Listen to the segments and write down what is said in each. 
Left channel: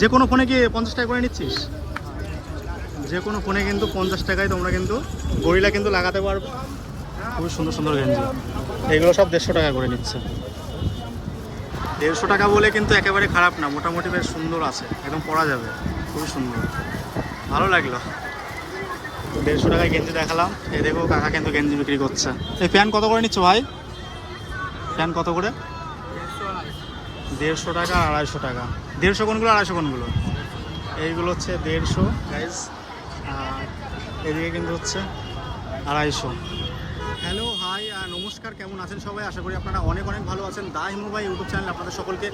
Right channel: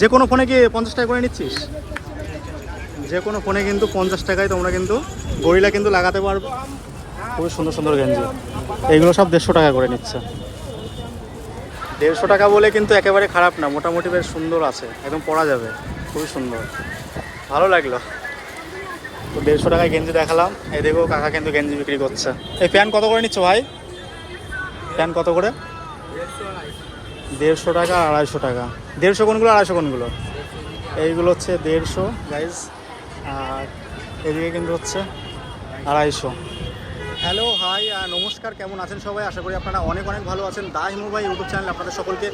যে কোনো ফোনে কি 50 টাকা করে নিচ্ছিস? যে কোনো ফোনে কিন্তু 50 টাকায় তোমরা কিন্তু গরিলা কিন্তু লাগাতে পারবে। খুবই সুন্দর সুন্দর গেঞ্জি, এইগুলো সব 150 টাকা করে নিচ্ছে। 150 টাকা বলে কিন্তু একেবারে খারাপ না, মোটামুটি বেশ সুন্দর আছে, একদম পরা যাবে, খুবই সুন্দর, ভালো লাগলো। তো 150 টাকায় গেঞ্জি দেখালাম। এই দেখো কাকা কিন্তু গেঞ্জি বিক্রি করছে। এই প্যান্ট কত করে নিচ্ছ ভাই? প্যান্ট কত করে? 150 টাকা আর 250 টাকা। 150 কোনগুলো, 250 কোনগুলো? এইগুলো হচ্ছে 150 গাইজ, আর এদিকে কিন্তু হচ্ছে 250। হ্যালো হাই নমস্কার, কেমন আছেন সবাই? আশা করি আপনারা অনেক অনেক ভালো আছেন। দা হিমু ভাই ইউটিউব চ্যানেলে আপনাদের সকলকে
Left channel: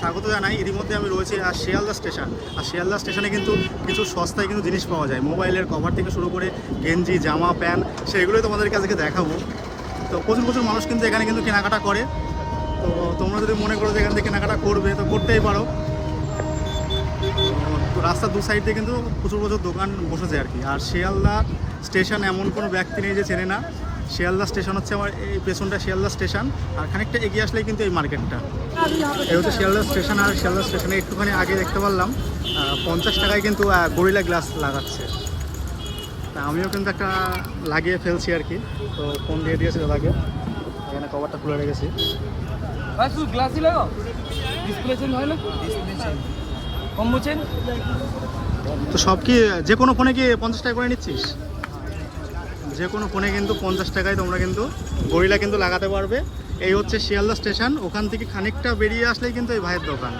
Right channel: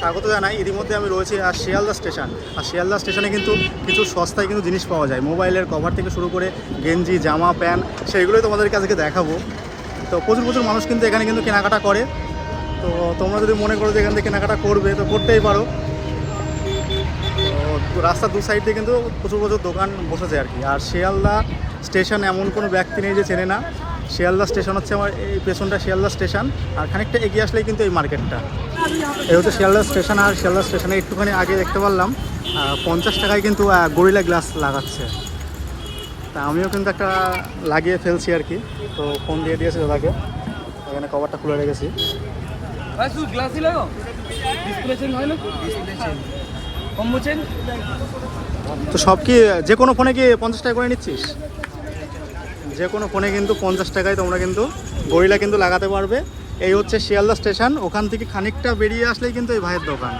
স্বাগত জানাই। ইতিমধ্যে আমি রয়েছি শিয়ালদা স্টেশন। আর শিয়ালদা স্টেশনে কিন্তু কিছু সস্তায় কিন্তু জিনিস পাওয়া যায়, মোবাইলের কভার থেকে শুরু করে গেঞ্জি, জামা, প্যান্ট, সেইগুলোই তোমাদেরকে আজকে দেখাবো। তো প্রচুর প্রচুর মানুষ কিন্তু এখানে কিন্তু কেনাকাটা করে। তো তোমরা যদি মনে করো যে এখান থেকে কেনাকাটা করবে তো করতেই পারো। তো রাস্তার দু সাইড দিয়ে কিন্তু প্রচুর প্রচুর দোকান বসেছে আর কি। আর শিয়ালদা স্টেশন এমন কোনো ব্যক্তি নেই যে চেনে না। শিয়ালদা স্টেশন হচ্ছে আমার এই পেছনটা শিয়ালদা স্টেশন, আর খানিকটা এগিয়ে আসলেই কিন্তু এই মার্কেটটা। এই হচ্ছে শিয়ালদা স্টেশন। আর শিয়ালদা স্টেশনে একটুখানি আগে দেখতে পারলাম 50 টাকায় কিন্তু গরিলা গ্লাস লাগাচ্ছে। তা আমিও কিন্তু একটা লাগিয়ে ফেলছি আর কি। তো ফোন দিয়ে দিয়েছে দাদাকে, এখানে কভারটা খুলে রেখেছি। তো সব কি যে কোনো ফোনে কি 50 টাকা করে নিচ্ছিস? যে কোনো ফোনে কিন্তু 50 টাকায় তোমরা কিন্তু গরিলা কিন্তু লাগাতে পারবে। এই হচ্ছে শিয়ালদা স্টেশন, ওখান থেকে খানিকটা বেরিয়ে আসলেই কিন্তু এই ভাইয়ের দোকান।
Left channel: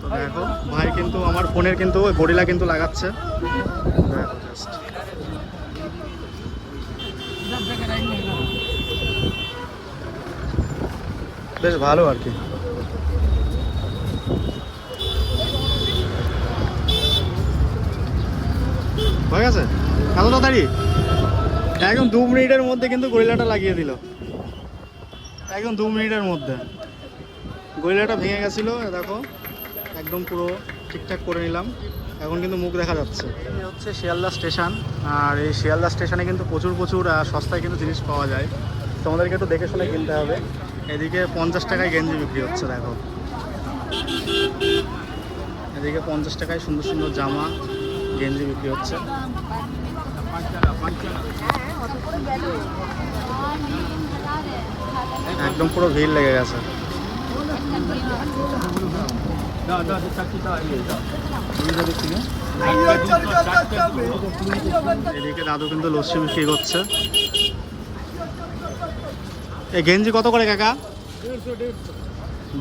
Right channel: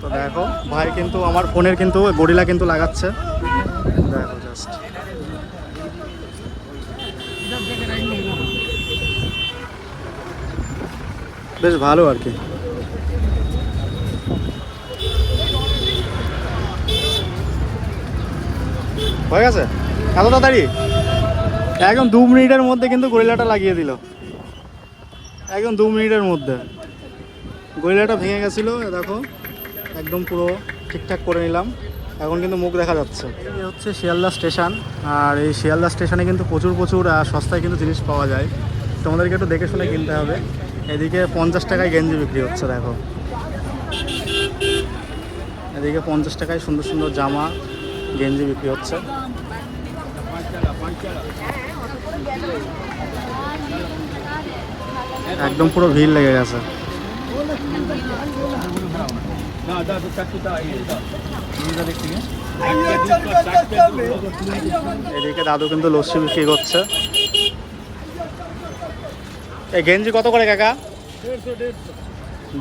তো দেখো ভাই কিন্তু আমার ফোনের কিন্তু গরিলা কিন্তু লাগাচ্ছে, দেখো জাস্ট বেশ ভালো আর কি। হয়ে গেছে এত তাড়াতাড়ি? একদম 2 মিনিটের মধ্যে কিন্তু গরিলাটা লাগিয়ে দিল, একদম 2 মিনিটের মধ্যে। গরিলাটা ভেঙে গেছিলো, দেখো একদম পুরো ঠিকঠাক করে নিলাম। এখন কিন্তু মুখ দেখা যাচ্ছে। এই হচ্ছে শিয়ালদা স্টেশন, আর এই শিয়ালদা স্টেশনে কিন্তু প্রচুর প্রচুর সস্তায় কিন্তু জিনিস পাওয়া যায়। তোমাদেরকে একটু দেখে শুনে কিনতে হবে। এদিকে 50 টাকায় গেঞ্জি বিক্রি হচ্ছে, দেখো এদিকে 50 টাকায় সুন্দর সুন্দর জামা, গেঞ্জি বিক্রি হচ্ছে। একদম পুরো ভিড় লেগে গেছে। এদিকে দাদু কিন্তু লস্যি বিক্রি করছে। এই গেঞ্জি কত করে কাকা?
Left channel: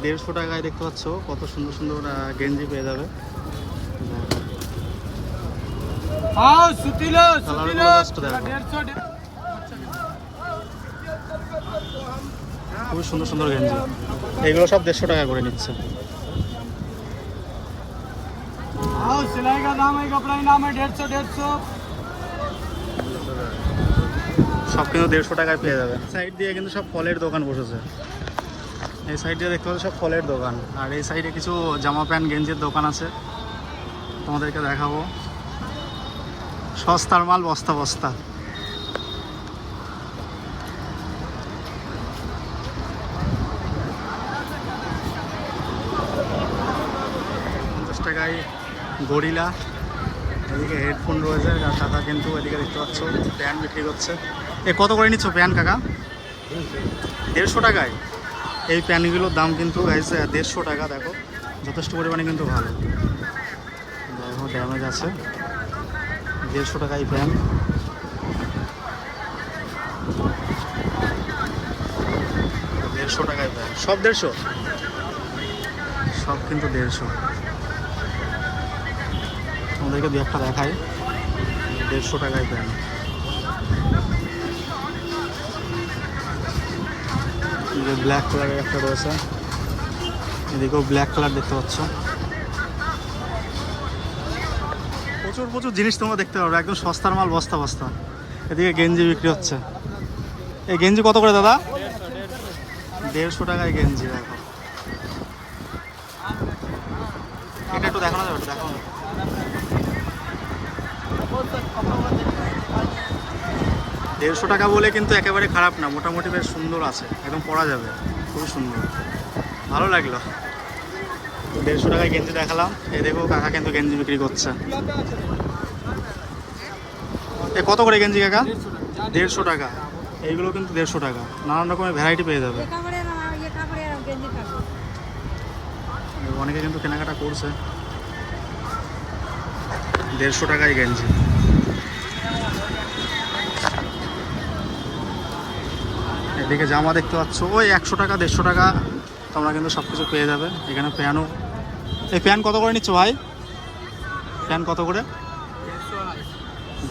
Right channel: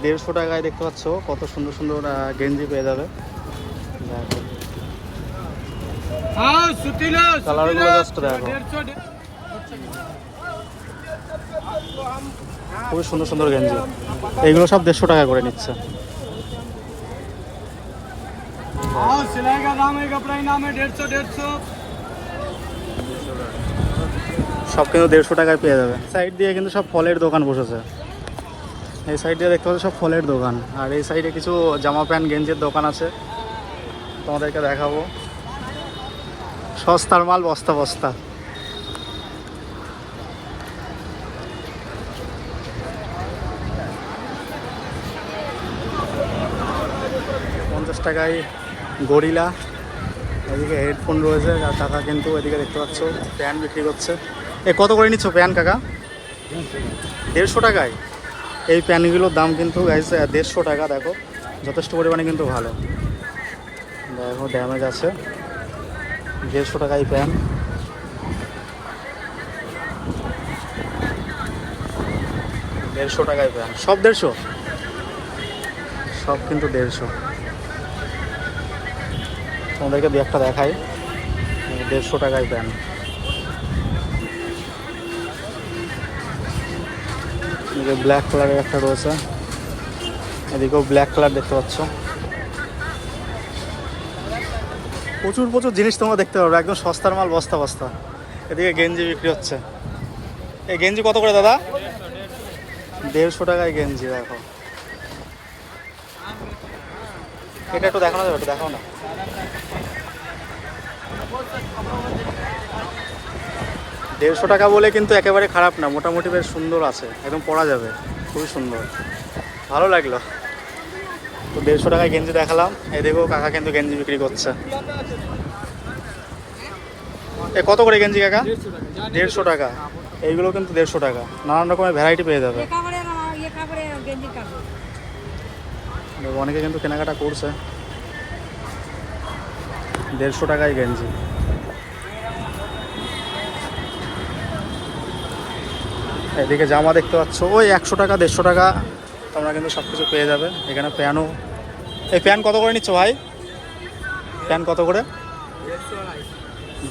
150 টাকায়। দেখতে পাচ্ছ কত সুন্দর সুন্দর গেঞ্জি পেয়ে যাবে, দেখো কালারগুলো জাস্ট দেখো, খুবই সুন্দর সুন্দর গেঞ্জি। এইগুলো সব 150 টাকা করে নিচ্ছে। सिलाई का दाम है, कपड़ा ही नाम है 150। সব কিন্তু 150 টাকায় পেয়ে যাবে। সাইড দিয়ে কিন্তু সব ফলের দোকান বসেছে। এই সাইড দিয়ে দেখতে পাচ্ছি সব ফলের দোকান, আর এই সাইডে কিছু জামা প্যান্ট গেঞ্জির দোকান আছে, তোমাদেরকে দেখাবো। সস্তার মাল বস্তা বস্তা। পঞ্চাশ টাকায় গরিলা, এদিকে হেডফোন রয়েছে। আর কাকা কিন্তু এদিকে দেখতে পাচ্ছ প্যান্ট বিক্রি করছে। এ কত করে নিচ্ছ প্যান্ট কাকা? 150 টাকায়। এই প্যান্টগুলোর দাম কিন্তু গাইস 150 টাকা। দেখো যথেষ্ট পরিমাণে কিন্তু ভালো, দেখো ড্যামেজ আছে। 150 টাকায় প্যান্ট। দেড়শো টাকায় প্যান্ট, সব 150, সব কিন্তু 150। তোমাদেরকে দু একটা দেখাই। 150 টাকায় প্যান্ট। এদিকে ব্ল্যাক কালারের একটা রয়েছে, এদিকেও ব্ল্যাক কালার দেখতে পাচ্ছ। প্রচুর প্রচুর জিনিস তোমরা দেখতে পাবে, একদম সস্তার মাল বস্তা বস্তা। এদিকে গেঞ্জি বিক্রি হচ্ছে। এই গেঞ্জি কত করে দাদা? 150 টাকায় গেঞ্জি। দেখো এটা একটু দেখানো যাবে? একটু দেখাও না। দেড়শো টাকা বলে কিন্তু একেবারে খারাপ না, মোটামুটি বেশ সুন্দর আছে, একদম পরা যাবে, খুবই সুন্দর, ভালো লাগলো। তো 150 টাকায় গেঞ্জি দেখালাম। এদিকেও কাকা কিন্তু গেঞ্জি বিক্রি করছে। এ কত করে গেঞ্জি কাকা? 150 টাকা। এইগুলো কিন্তু 150 টাকা, নানান রকমের ভ্যারাইটি পেয়ে যাবে। অনেকে কিন্তু কেনাকাটা করছে। 150 টাকায় গেঞ্জি। এদিকে জামা দেখতে পাচ্ছ, ওই 100 টাকা 150 টাকা তোমরা কিন্তু সব কিছু পেয়ে যাবে। এখানে প্যানও, এই প্যান কত করে নিচ্ছ ভাই? প্যান কত করে?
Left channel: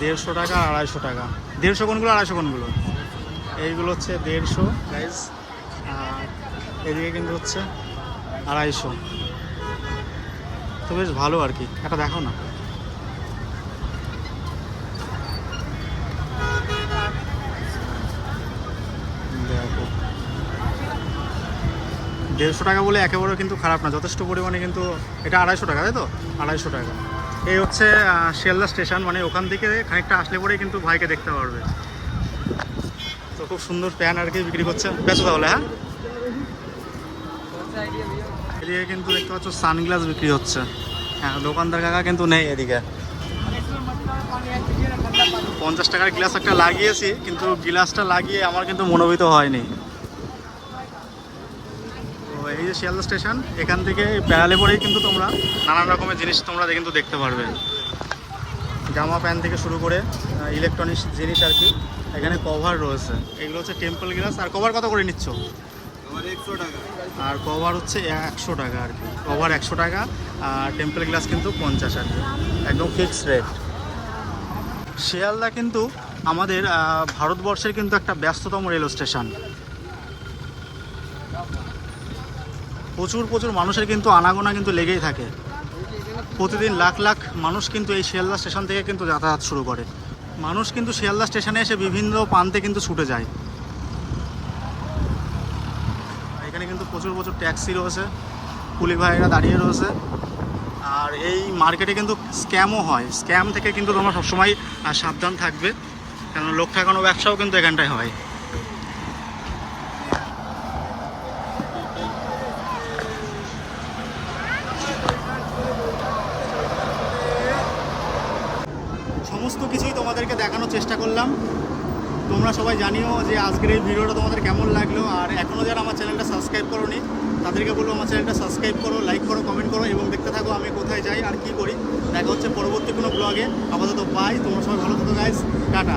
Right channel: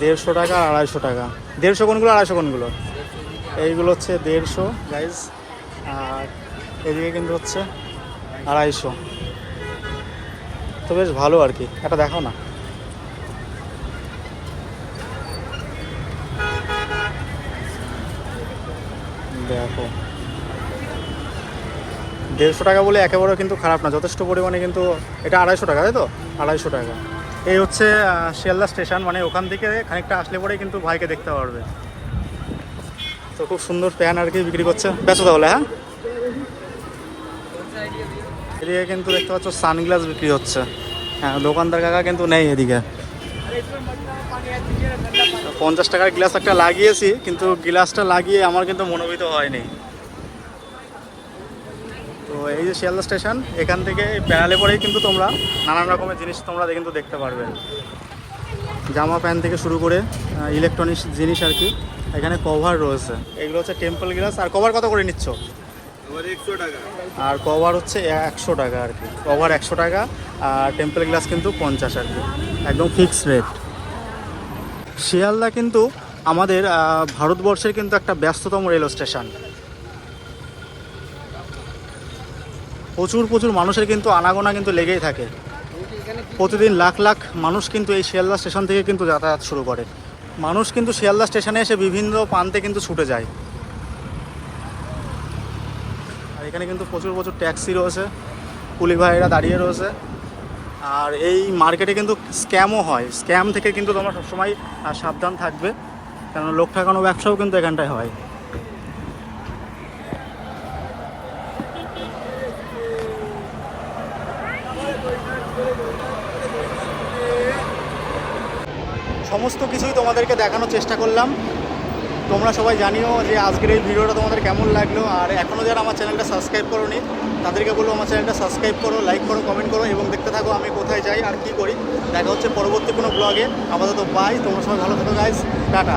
150 টাকা আর 250 টাকা। 150 কোনগুলো, 250 কোনগুলো? এইগুলো হচ্ছে 150 গাইজ, আর এদিকে কিন্তু হচ্ছে 250। তো বেশ ভালো আর কি। এটা দেখো না, দেখো 150 টাকা বলে একেবারে কিন্তু খারাপ না, যথেষ্ট পরিমাণে কিন্তু। এটা 250 টাকা, তাই তো? 250 টাকা। এই হচ্ছে শিয়ালদা স্টেশন, মানে ওখান থেকে খানিকটা আসলে পরেই কিন্তু ভাইকে দেখতে পারবে। তো খুব সুন্দর প্যান আর কি বিক্রি করছে। বেচো তাহলে, হ্যাঁ। এদিকে কিন্তু দেখতে পাচ্ছ সানগ্লাস বিক্রি হচ্ছে। হ্যাঁ, দোকানদার কাকা কিন্তু নেই এদিকে। 50 টাকার গ্লাস একটা লাগিয়েছি, কিন্তু গ্লাসটা লাগিয়ে আমার কিন্তু মনোভূত হয়নি। তো এই যে শিয়ালদা স্টেশন, এখান থেকে বেড়ালে পরেই কিন্তু তোমরা নানান রকমের জিনিস তোমরা কিন্তু দেখতে পারবে। জামা প্যান্ট থেকে শুরু করে ইলেকট্রনিক্স জিনিস আর কি। এখানে কভার রয়েছে, এগুলো হচ্ছে টেম্পল গ্লাস। আর কভার কত করে নিচ্ছ? 100 টাকা। আর কভার হচ্ছে 100 টাকা আর কি। কভার 100 টাকা, আর টেম্পল গ্লাস কিন্তু 50 আর কি, একদম ফিক্সড রেট। শিয়ালদা কিন্তু আমাদের ভারতবর্ষের কিন্তু একটা ব্যস্ততম রেল স্টেশন। প্রচুর প্রচুর মানুষের কিন্তু আনাগোনা কিন্তু লেগেই থাকে। প্রতিদিন লাখ লাখ মানুষ কিন্তু এই শিয়ালদা স্টেশন থেকে কিন্তু যাতায়াত শুরু করে। মানুষ কিন্তু শিয়ালদা স্টেশনে এসে বিভিন্ন প্রান্তে কিন্তু ছুটে যায়। আর এখানে কিন্তু প্রচুর প্রচুর ট্যাক্সি রয়েছে, কুলি ভাইয়েরা দাঁড়িয়ে রয়েছে। আর এই মার্কেটে কিন্তু স্ক্যামও হয়। স্ক্যাম থেকে কিন্তু তোমরা সবসময় সাবধান থাকবে, কারণ লোক ঠকানো ব্যবসাও কিন্তু এখানটায় হয়। সমস্ত কিছুই তোমাদেরকে দেখানোর চেষ্টা করলাম। তোমরা সবাই জানিও যে আজকের এই ভিডিওটা তোমাদের কেমন লাগলো। আর এখনও যারা আমার চ্যানেলটা সাবস্ক্রাইব করোনি, তাদেরকে বলবো আমার চ্যানেলটা সাবস্ক্রাইব করো, লাইক করো, কমেন্ট করো এবং দেখতে থাকো আমি কোথায় যাই আর কী করি। দেখা হচ্ছে পরবর্তী কোনো ব্লগে। আপাতত বাই, তোমরা সবাই ভালো থেকো গাইস, টাটা।